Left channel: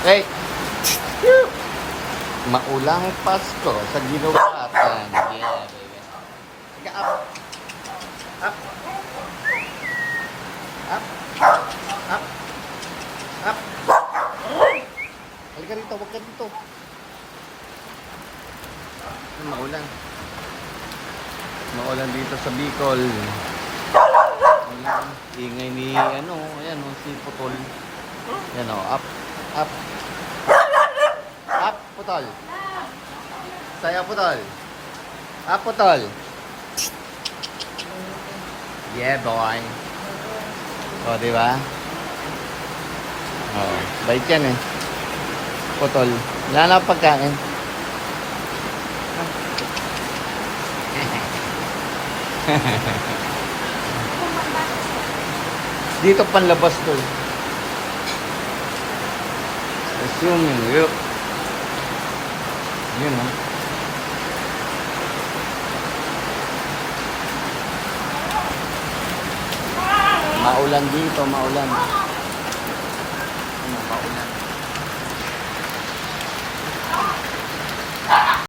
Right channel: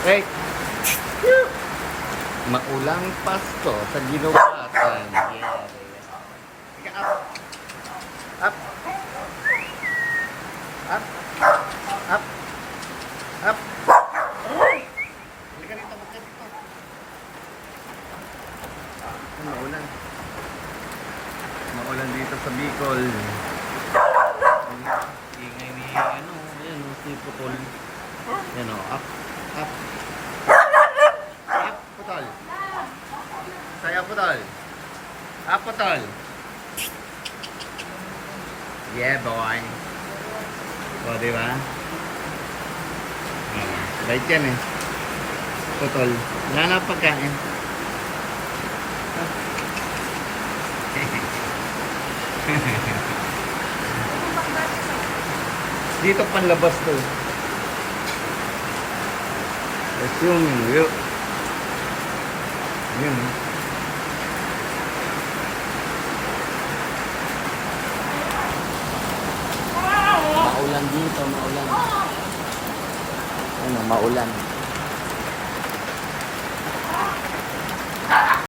Hey! Maulang Pasko sa ginawatan. Yeah, baby. Teka, up. Up. Up. Up. Up. Halika dito, huwag ka dito. Maulan. Maulan dito sa Bicol. Ingay ni ayan si Putol. Ayan up. Up. Up, Putol. Saya Putol. Up, Putol. Yeah, boy. O, diba? O, bait yan eh. Putol. Wala na pagkain. Dito panlabas to. Assuming you. Yun ha. Maulan dito, maulan. Maulan.